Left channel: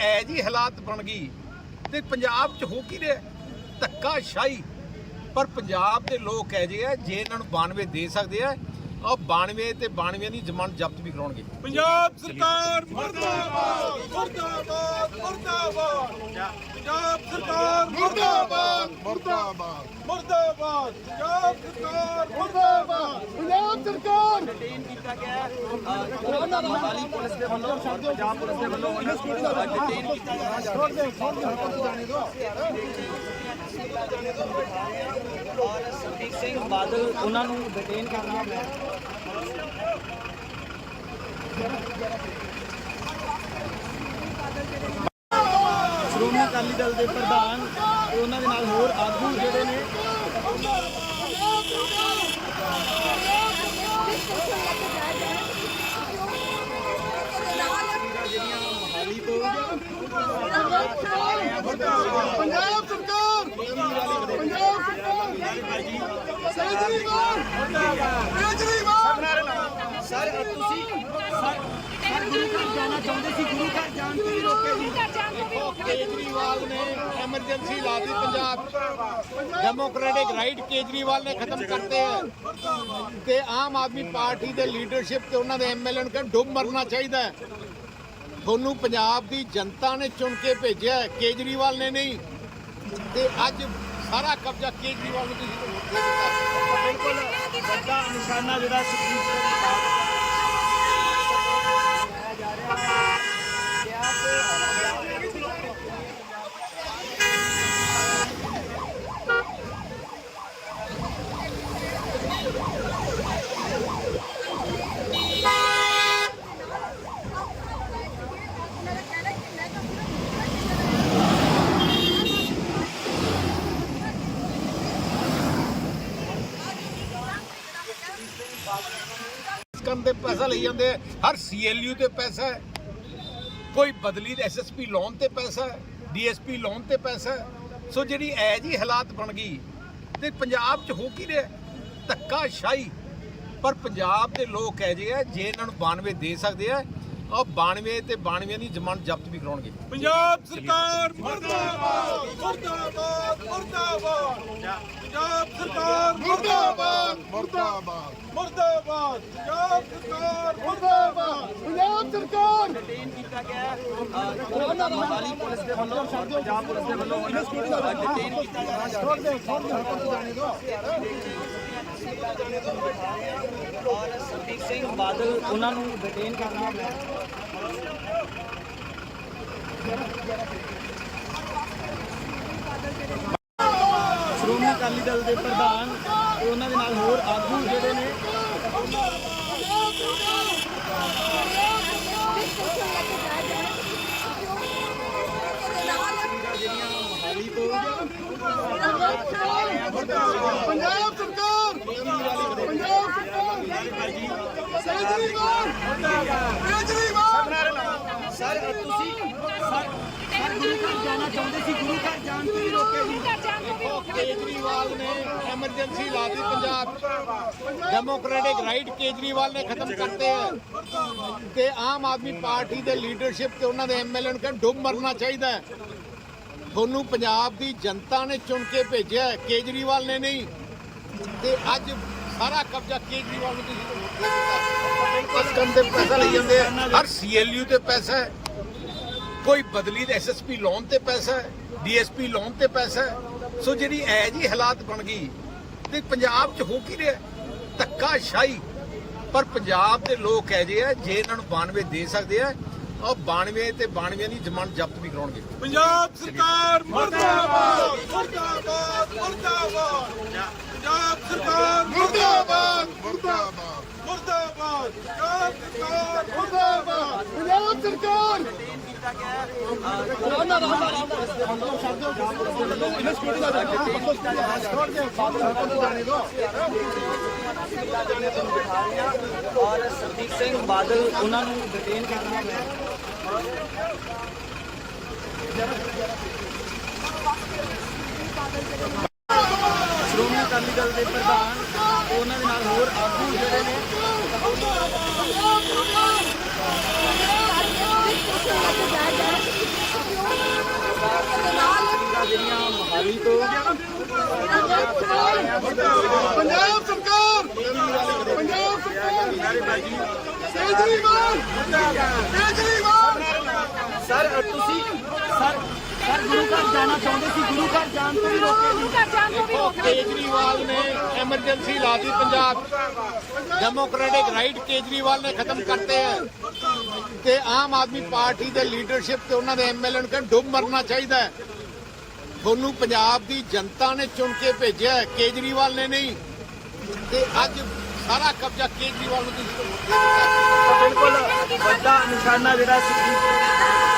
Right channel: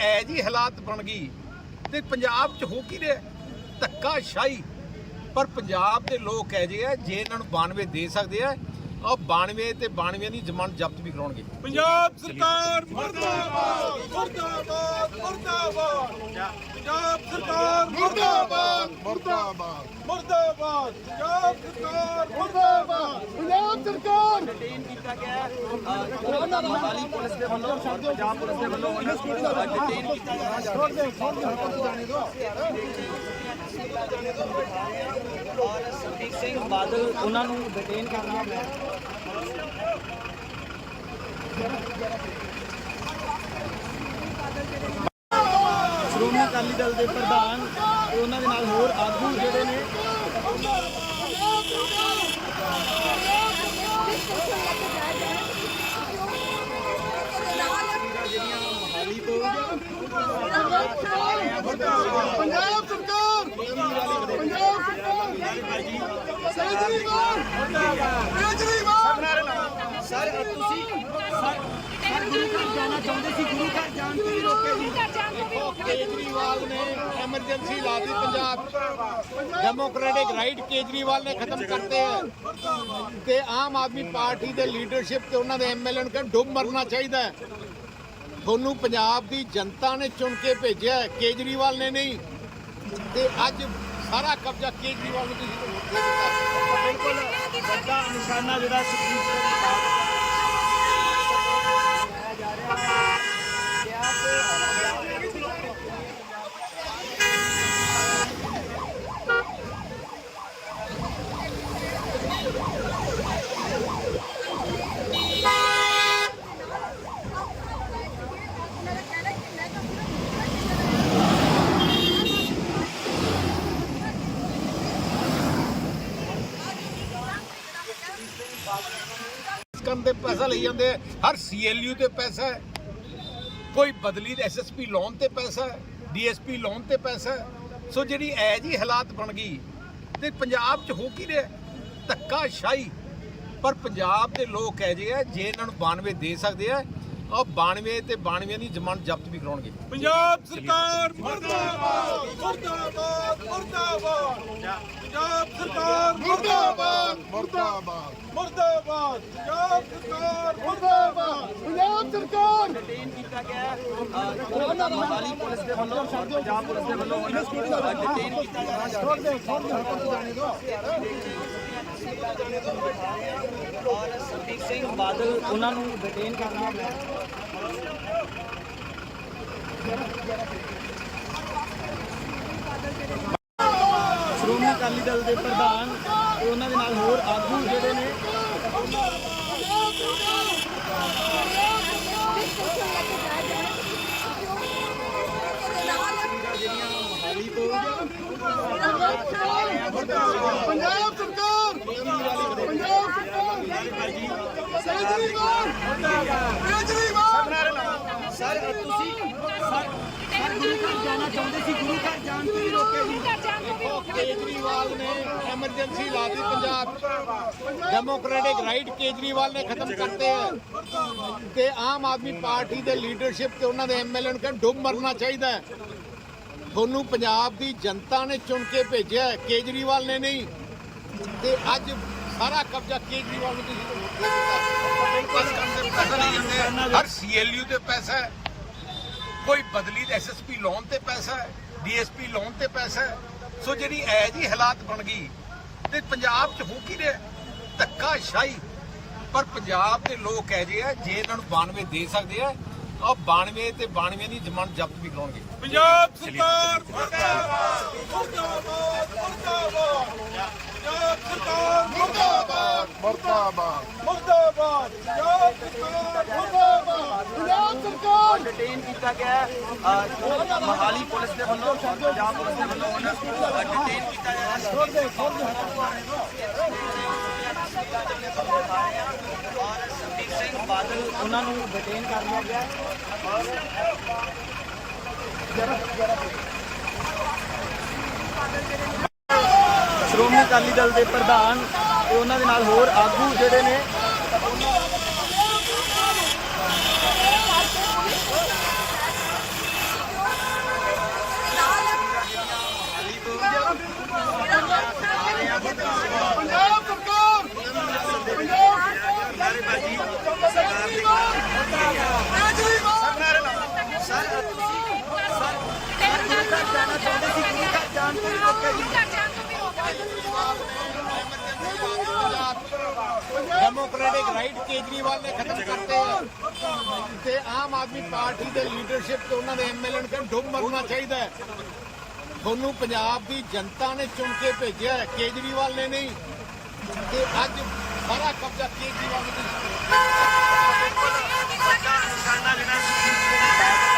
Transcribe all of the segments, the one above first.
ਐ ਜੀ ਹਾਲਾਤ ਬਣ ਗਈ ਤੇ ਪੰਜਾਬ 'ਚ ਹੋ ਕੀ ਰਿਹਾ? ਧੱਕਾ ਸ਼ਾਹੀ ਪਰ ਪੰਜਾਬ ਦੇ ਲੋਕ ਕਹਿ ਜੇ ਆ, ਜੇ ਇਹਨਾਂ ਨੂੰ 92 ਦੇ ਸਕਦੇ ਆ ਉਹ 92 ਤੇ 92 ਦੀ ਜ਼ਮਾਨਤ ਜ਼ਬਤ ਵੀ ਕਰਾਉਣਗੇ। ਪੰਜਾਬ ਸਰਕਾਰ ਮੁਰਦਾਬਾਦ ਮੁਰਦਾਬਾਦ ਮੁਰਦਾਬਾਦ। ਪੰਜਾਬ ਸਰਕਾਰ ਮੁਰਦਾਬਾਦ। ਮੁਰਦਾਬਾਦ। ਮੁਰਦਾਬਾਦ ਪੰਜਾਬ ਸਰਕਾਰ ਮੁਰਦਾਬਾਦ। ਪੰਜਾਬ ਸਰਕਾਰ। ਡਿਟੇਨ ਕੀਤਾ ਗਿਆ। ਹੈ ਅ, ਮੋਹਾਲੀ ਪੁਲਿਸ ਦੇ ਵੱਲੋਂ ਔਰ ਪੰਜਾਬ ਪੁਲਿਸ ਦੇ ਵੱਲੋਂ ਉਹਨਾਂ ਨੂੰ ਅ, ਡਿਟੇਨ ਕੀਤਾ ਜਾ ਰਿਹਾ ਛੋੜ ਦੇ ਛੋੜ ਦੇ ਹਰਕਤ ਜਾਣੇ ਦੋ ਔਰ ਸੁਖਬੀਰ ਸਿੰਘ ਬਾਦਲ, ਉਹਨਾਂ ਨੂੰ ਡਿਟੇਨ ਕਰਨਾ ਪਿਆ। ਸ਼੍ਰੋਮਣੀ ਅਕਾਲੀ ਦਲ ਦੇ ਪ੍ਰਧਾਨ ਤੇ ਉਹਨਾਂ ਦੇ ਨਾਲ ਹੋਰ ਆਗੂ ਜਿਹੜੇ ਨੇ, ਜਿਹੜੀਆਂ ਮੋਹਾਲੀ ਪੰਜਾਬ ਸਰਕਾਰ ਪੰਜਾਬ ਸਰਕਾਰ। ਕੇਜਰੀਵਾਲ ਕੇਜਰੀਵਾਲ ਸਰ ਤੁਸੀਂ ਸਰ ਗੁਰੂ ਘਰ ਜਾਣਾ ਚਾਹੁੰਦੇ ਸੀ ਗੁਰੂ ਘਰ ਜਾਣ ਤੋਂ ਵੀ ਰੋਕੇ ਜੀ ਦੇਖੋ ਕੇਜਰੀਵਾਲ ਨੇ ਐਮਰਜੈਂਸੀ ਲਾ ਦਿੱਤੀ ਪੰਜਾਬ। ਡੈਮੋਕ੍ਰੈਟਿਕ ਰਾਈਟ ਕੇਜਰੀਵਾਲ ਨੇ ਖਤਮ ਕਰਤੇ ਹੈ। ਤੇ ਆਮ ਆਦਮੀ ਪਾਰਟੀ ਦੇ ਲੀਡਰਸ਼ਿਪ ਤੇ ਉਹਨਾਂ ਦੇ ਐਮਐਲਏ ਨੂੰ ਕਹਿੰਦੇ ਡੁੱਬ ਮਰਨਾ ਚਾਹੀਦਾ ਹੈ। ਤੁਹਾਨੂੰ ਪੰਜਾਬ ਦੀ ਜਨਤਾ ਨੇ ਚੁਣ ਕੇ ਭੇਜਿਆ ਕੇਜਰੀਵਾਲ ਨੇ ਨਹੀਂ। ਤੇ ਅੱਜ ਸਾਰਾ ਕਬਜ਼ਾ ਕੇਜਰੀਵਾਲ ਨੂੰ ਤੁਸੀਂ ਦੇ ਦਿੱਤਾ ਬਿਲਕੁਲ ਵੱਡਾ ਨਿਸ਼ਾਨਾ ਜਿਹੜਾ ਸੁਖਬੀਰ ਸਿੰਘ ਬਾਦਲ ਤੇ ਪੈਸਾ ਲਈ ਜਾਂਦੇ ਆ। ਹਰ ਸੀਐਲਯੂ ਤੇ ਪੈਸਾ ਹੈ। ਕੋਈ ਬਦਲੀ ਦੇ ਐਸਐਸਪੀ ਲੋਨ ਤੇ ਪੈਸਾ ਹੈ ਡੀਐਸਪੀ ਲੋਨ ਤੇ ਪੈਸਾ ਹੈ। ਸੋ ਜਿਹੜੀ ਐ ਜੀ ਹਾਲਾਤ ਬਣ ਗਈ ਤੇ ਪੰਜਾਬ 'ਚ ਹੋ ਕੀ ਰਿਹਾ ਧੱਕਾ ਸ਼ਾਹੀ ਪਰ ਪੰਜਾਬ ਦੇ ਲੋਕ ਕਹਿ ਜੇ ਆ, ਜੇ ਇਹਨਾਂ ਨੂੰ 92 ਦੇ ਸਕਦੇ ਆ ਉਹ 92 ਤੇ 92 ਦੀ ਜ਼ਮਾਨਤ ਜ਼ਬਤ ਵੀ ਕਰਾਉਣਗੇ। ਪੰਜਾਬ ਸਰਕਾਰ ਮੁਰਦਾਬਾਦ ਮੁਰਦਾਬਾਦ ਮੁਰਦਾਬਾਦ। ਪੰਜਾਬ ਸਰਕਾਰ ਮੁਰਦਾਬਾਦ ਮੁਰਦਾਬਾਦ। ਮੁਰਦਾਬਾਦ ਪੰਜਾਬ ਸਰਕਾਰ ਮੁਰਦਾਬਾਦ। ਪੰਜਾਬ ਸਰਕਾਰ! ਡਿਟੇਨ ਕੀਤਾ ਗਿਆ ਮੋਹਾਲੀ ਪੁਲਿਸ ਦੇ ਵੱਲੋਂ ਪੰਜਾਬ ਪੁਲਿਸ ਦੇ ਵੱਲੋਂ ਉਹਨਾਂ ਨੂੰ ਅ, ਡਿਟੇਨ ਕੀਤਾ ਰਿਹਾ ਛੋੜ ਦੇ ਛੋੜ ਦੇ। ਹਰਕਤ ਜਾਣੇ ਦੋ ਔਰ ਸੁਖਬੀਰ ਸਿੰਘ ਬਾਦਲ, ਉਹਨਾਂ ਨੂੰ ਡਿਟੇਨ ਕਰਨਾ ਪਿਆ ਸ਼੍ਰੋਮਣੀ ਅਕਾਲੀ ਦਲ ਦੇ ਪ੍ਰਧਾਨ ਤੇ ਉਹਨਾਂ ਦੇ ਨਾਲ ਹੋਰ ਆਗੂ ਜਿਹੜੇ ਨੇ, ਪੰਜਾਬ ਸਰ ਤੁਸੀਂ ਗੁਰੂ ਘਰ ਜਾਣਾ ਚਾਹੁੰਦੇ ਸੀ ਗੁਰੂ ਘਰ ਜਾਣ ਤੋਂ ਵੀ ਰੋਕੇ ਜੀ ਦੇਖੋ ਕੇਜਰੀਵਾਲ ਨੇ ਐਮਰਜੈਂਸੀ ਲਾ ਦਿੱਤੀ ਪੰਜਾਬ ਡੈਮੋਕ੍ਰੈਟਿਕ ਰਾਈਟ ਕੇਜਰੀਵਾਲ ਨੇ ਖਤਮ ਕਰਤੇ ਹੈ ਤੇ ਆਮ ਆਦਮੀ ਪਾਰਟੀ ਦੇ ਲੀਡਰਸ਼ਿਪ ਤੇ ਉਹਨਾਂ ਦੇ ਐਮਐਲਏ ਨੂੰ ਕਹਿੰਦੇ ਡੁੱਬ ਮਰਨਾ ਚਾਹੀਦਾ ਹੈ ਤੁਹਾਨੂੰ ਪੰਜਾਬ ਦੀ ਜਨਤਾ ਨੇ ਚੁਣ ਕੇ ਭੇਜਿਆ ਕੇਜਰੀਵਾਲ ਨੇ ਨਹੀਂ ਤੇ ਅੱਜ ਸਾਰਾ ਕਬਜ਼ਾ ਕੇਜਰੀਵਾਲ ਨੂੰ ਤੁਸੀਂ ਹਰ ਸੀਐਲਯੂ ਤੇ ਪੈਸਾ ਹੈ। ਕੋਈ ਬਦਲੀ ਦੇ ਐਸਐਸਪੀ ਲੋਨ ਤੇ ਪੈਸਾ ਹੈ ਡੀਐਸਪੀ ਲੋਨ ਤੇ ਪੈਸਾ ਹੈ। ਸੋ ਜਿਹੜੀ ਐ ਜੀ ਹਾਲਾਤ ਬਣ ਗਈ ਤੇ ਪੰਜਾਬ 'ਚ ਹੋ ਕੀ ਰਿਹਾ ਧੱਕਾ ਸ਼ਾਹੀ ਪਰ ਪੰਜਾਬ ਦੇ ਲੋਕ ਕਹਿ ਜੇ ਆ, ਜੇ ਇਹਨਾਂ ਨੂੰ 92 ਦੇ ਸਕਦੇ ਆ ਉਹ 92 ਤੇ 92 ਦੀ ਜ਼ਮਾਨਤ ਜ਼ਬਤ ਵੀ ਕਰਾਉਣਗੇ। ਪੰਜਾਬ ਸਰਕਾਰ ਮੁਰਦਾਬਾਦ ਮੁਰਦਾਬਾਦ ਮੁਰਦਾਬਾਦ। ਪੰਜਾਬ ਸਰਕਾਰ ਮੁਰਦਾਬਾਦ। ਮੁਰਦਾਬਾਦ। ਮੁਰਦਾਬਾਦ ਪੰਜਾਬ ਸਰਕਾਰ ਮੁਰਦਾਬਾਦ। ਪੰਜਾਬ ਸਰਕਾਰ। ਡਿਟੇਨ ਕੀਤਾ ਗਿਆ ਹੈ ਅ, ਮੋਹਾਲੀ ਪੁਲਿਸ ਦੇ ਵੱਲੋਂ ਪੰਜਾਬ ਪੁਲਿਸ ਦੇ ਵੱਲੋਂ ਉਹਨਾਂ ਨੂੰ ਅ, ਕੀਤਾ ਜਾ ਛੋੜ ਦੇ ਛੋੜ ਦੇ ਜਾਣੇ ਦੋ ਔਰ ਸੁਖਬੀਰ ਸਿੰਘ ਬਾਦਲ ਉਹਨਾਂ ਨੂੰ ਡਿਟੇਨ ਕਰਨਾ ਪਿਆ ਅਕਾਲੀ ਦਲ ਦੇ ਪ੍ਰਧਾਨ ਤੇ ਉਹਨਾਂ ਦੇ ਨਾਲ ਹੋਰ ਆਗੂ ਜਿਹੜੇ ਨੇ। ਪੰਜਾਬ ਸਰਕਾਰ ਪੰਜਾਬ ਸਰਕਾਰ। ਕੇਜਰੀਵਾਲ ਕੇਜਰੀਵਾਲ ਸਰ ਤੁਸੀਂ ਜਾਣਾ ਚਾਹੁੰਦੇ ਸੀ, ਗੁਰੂ ਘਰ ਜਾਣ ਤੋਂ ਹੀ ਰੋਕੇ ਸੀ। ਕੇਜਰੀਵਾਲ ਨੇ ਐਮਰਜੈਂਸੀ ਲਾ ਦਿੱਤੀ ਪੰਜਾਬ। ਡੈਮੋਕ੍ਰੈਟਿਕ ਰਾਈਟ ਕੇਜਰੀਵਾਲ ਨੇ ਖਤਮ ਕਰਤੇ ਹੈ। ਤੇ ਆਮ ਆਦਮੀ ਪਾਰਟੀ ਦੇ ਲੀਡਰਸ਼ਿਪ ਤੇ ਉਹਨਾਂ ਦੇ ਐਮਐਲਏ ਨੂੰ ਕਹਿੰਦੇ ਡੁੱਬ ਮਰਨਾ ਚਾਹੀਦਾ ਹੈ। ਤੁਹਾਨੂੰ ਪੰਜਾਬ ਦੀ ਜਨਤਾ ਨੇ ਚੁਣ ਕੇ ਭੇਜਿਆ ਕੇਜਰੀਵਾਲ ਨੇ ਨਹੀਂ। ਤੇ ਅੱਜ ਸਾਰਾ ਕਬਜ਼ਾ ਕੇਜਰੀਵਾਲ ਨੂੰ ਬਿਲਕੁਲ ਵੱਡਾ ਨਿਸ਼ਾਨਾ ਜਿਹੜਾ ਸੀ।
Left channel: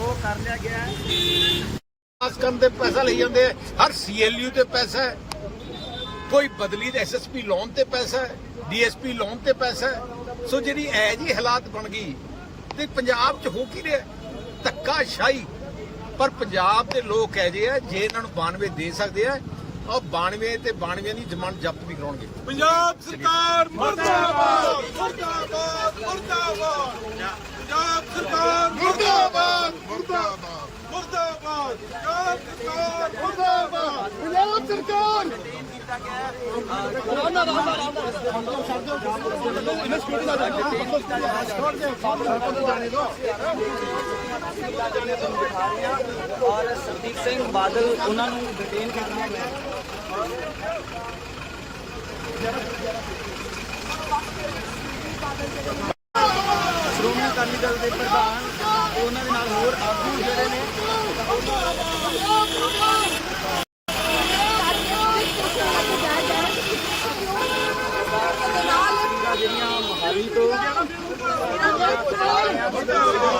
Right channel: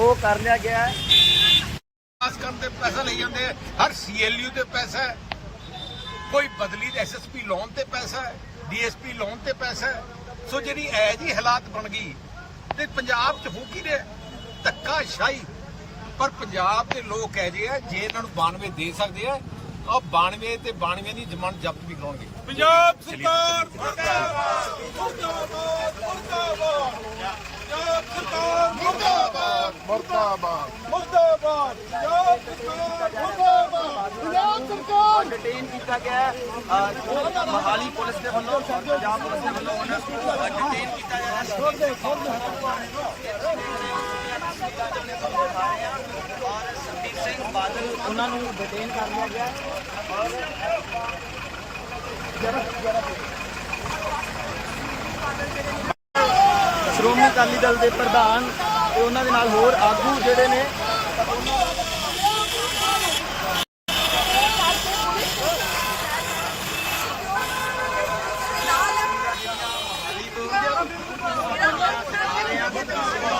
ਉਹ ਕਰ ਲਿਆ ਗਿਆ ਹੈ। ਪਾਸ ਕਰਨ ਤੇ ਪੈਸਾ ਲਈ ਜਾਂਦੇ ਆ। ਹਰ ਸੀਐਲਯੂ ਤੇ ਪੈਸਾ ਹੈ। ਕੋਈ ਬਦਲੀ ਦੇ ਐਸਐਸਪੀ ਲੋਨ ਤੇ ਪੈਸਾ ਹੈ ਡੀਐਸਪੀ ਲੋਨ ਤੇ ਪੈਸਾ ਹੈ। ਸੋ ਜਿਹੜੀ ਐ ਜੀ ਹਾਲਾਤ ਬਣ ਗਈ, ਤੇ ਪੰਜਾਬ 'ਚ ਹੋ ਕੀ ਰਿਹਾ ਧੱਕਾ ਸ਼ਾਹੀ ਪਰ ਪੰਜਾਬ ਦੇ ਲੋਕ ਕਹਿ ਜੇ ਆ, ਜੇ ਇਹਨਾਂ ਨੂੰ 92 ਦੇ ਸਕਦੇ ਆ ਉਹ 92 ਤੇ 92 ਦੀ ਜ਼ਮਾਨਤ ਜ਼ਬਤ ਵੀ ਕਰਾਉਣਗੇ। ਪੰਜਾਬ ਸਰਕਾਰ ਮੁਰਦਾਬਾਦ ਮੁਰਦਾਬਾਦ ਮੁਰਦਾਬਾਦ। ਪੰਜਾਬ ਸਰਕਾਰ ਮੁਰਦਾਬਾਦ ਮੁਰਦਾਬਾਦ। ਮੁਰਦਾਬਾਦ ਪੰਜਾਬ ਸਰਕਾਰ ਮੁਰਦਾਬਾਦ। ਪੰਜਾਬ ਸਰਕਾਰ। ਡਿਟੇਨ ਕੀਤਾ ਗਿਆ ਹੈ ਅਹ, ਮੋਹਾਲੀ ਪੁਲਿਸ ਦੇ ਵੱਲੋਂ ਪੰਜਾਬ ਪੁਲਿਸ ਦੇ ਵੱਲੋਂ ਉਹਨਾਂ ਨੂੰ ਡਿਟੇਨ ਕੀਤਾ ਗਿਆ ਔਰ ਸੰਦੀਪ ਸਿੰਘ ਬਾਦਲ, ਉਹਨਾਂ ਨੂੰ ਡਿਟੇਨ ਕਰਨਾ ਪਿਆ ਸ਼੍ਰੋਮਣੀ ਅਕਾਲੀ ਦਲ ਦੇ ਪ੍ਰਧਾਨ ਤੇ ਉਹਨਾਂ ਦੇ ਨਾਲ ਹੋਰ ਆਗੂ ਜਿਹੜੇ ਨੇ